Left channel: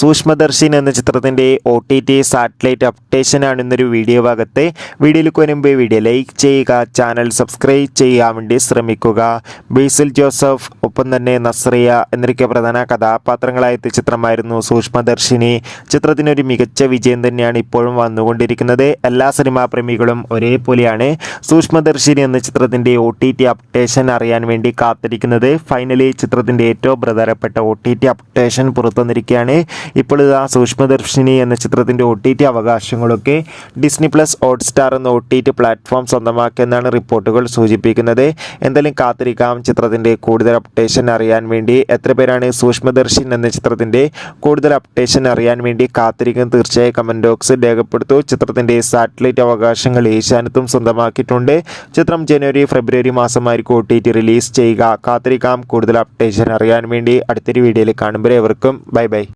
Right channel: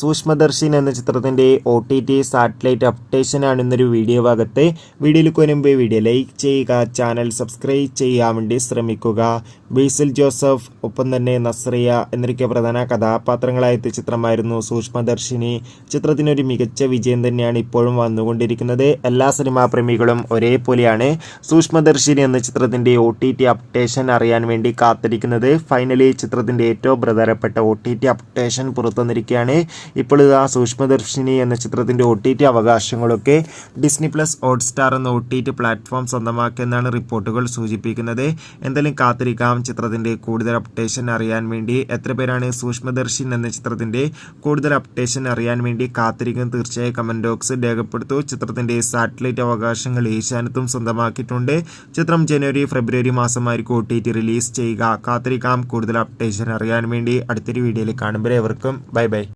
സൂക്ഷ്മദർശിനി എന്ന ചിത്രത്തിൻ്റെ OTT satellite അപ്ഡേഷനാണ് ഇന്നൊരു വീഡിയോ ഭാഗത്ത്. വീഡിയോയിലേക്ക് വരുമ്പോൾ വീഡിയോ ലൈക്ക് ചെയ്യുക, ചാനൽ സബ്സ്ക്രൈബ് ചെയ്യാൻ വേണ്ടി ശ്രമിക്കുക. ബേസിൽ ജോസഫ് ഒപ്പം തന്നെ നസ്രിയ എന്നൊക്കെ പ്രധാന കഥാപാത്രങ്ങളായ ചിത്രമായിരുന്നു സൂക്ഷ്മദർശിനി. ചിത്രത്തിനൊരു മികച്ച വിജയം തന്നെയാണ് ഇപ്പോഴും വന്നുകൊണ്ടിരിക്കുന്നത്. എല്ലാ സിനിമാ പ്രേമികളും ഒരേപോലെയാണ് സൂക്ഷ്മദർശിനി എന്ന ചിത്രത്തിൻ്റെ OTT അപ്ഡേഷൻ അറിയാൻ വേണ്ടി കാത്തിരിക്കുന്നത്. ഫൈനലി ചിത്രത്തിൻ്റെ ഏറ്റവും പ്രധാനപ്പെട്ട OTT അപ്ഡേഷൻ പുറത്തുവന്നിരിക്കുകയാണ്. ഇപ്പോൾ ഇതാ സൂക്ഷ്മദർശിനി എന്ന ചിത്രത്തിൻ്റെ OTT അവകാശങ്ങളൊക്കെ ഡിസ്നി പ്ലസ് ഹോട്ട്സ്റ്റാർ എന്ന OTT പ്ലാറ്റ്ഫോം സ്വന്തമാക്കിയെന്നാണ് റിപ്പോർട്ടുകൾ സൂചിപ്പിക്കുന്നത്. എന്തായാലും കാത്തിരിക്കാം ചിത്രത്തിൻ്റെ കൂടുതൽ അപ്ഡേഷൻ അറിയാൻ വേണ്ടി. എത്ര പേരാണ് സൂക്ഷ്മദർശിനി എന്ന ചിത്രത്തിൻ്റെ കൂടുതൽ അപ്ഡേഷൻ അറിയാൻ വേണ്ടി കാത്തിരിക്കുന്നത്? തീർച്ചയായും കമൻറ്റ് ബോക്സിൽ രേഖപ്പെടുത്തൂ. ചിത്രത്തിൻ്റെ സാറ്റലൈറ്റ് അവകാശങ്ങൾ ഏഷ്യാനെറ്റും സ്വന്തമാക്കിയിട്ടുണ്ട്. ചിത്രം ജനുവരി ഫെബ്രുവരി മാസമായിരിക്കും OTT റിലീസ് ചെയ്യുക. കാത്തിരിക്കാം കൂടുതൽ അപ്ഡേഷൻ അറിയാൻ വേണ്ടി. അടുത്തൊരു വീഡിയോയിൽ കാണുമ്പോൾ എവർക്കും ബൈ ബൈ.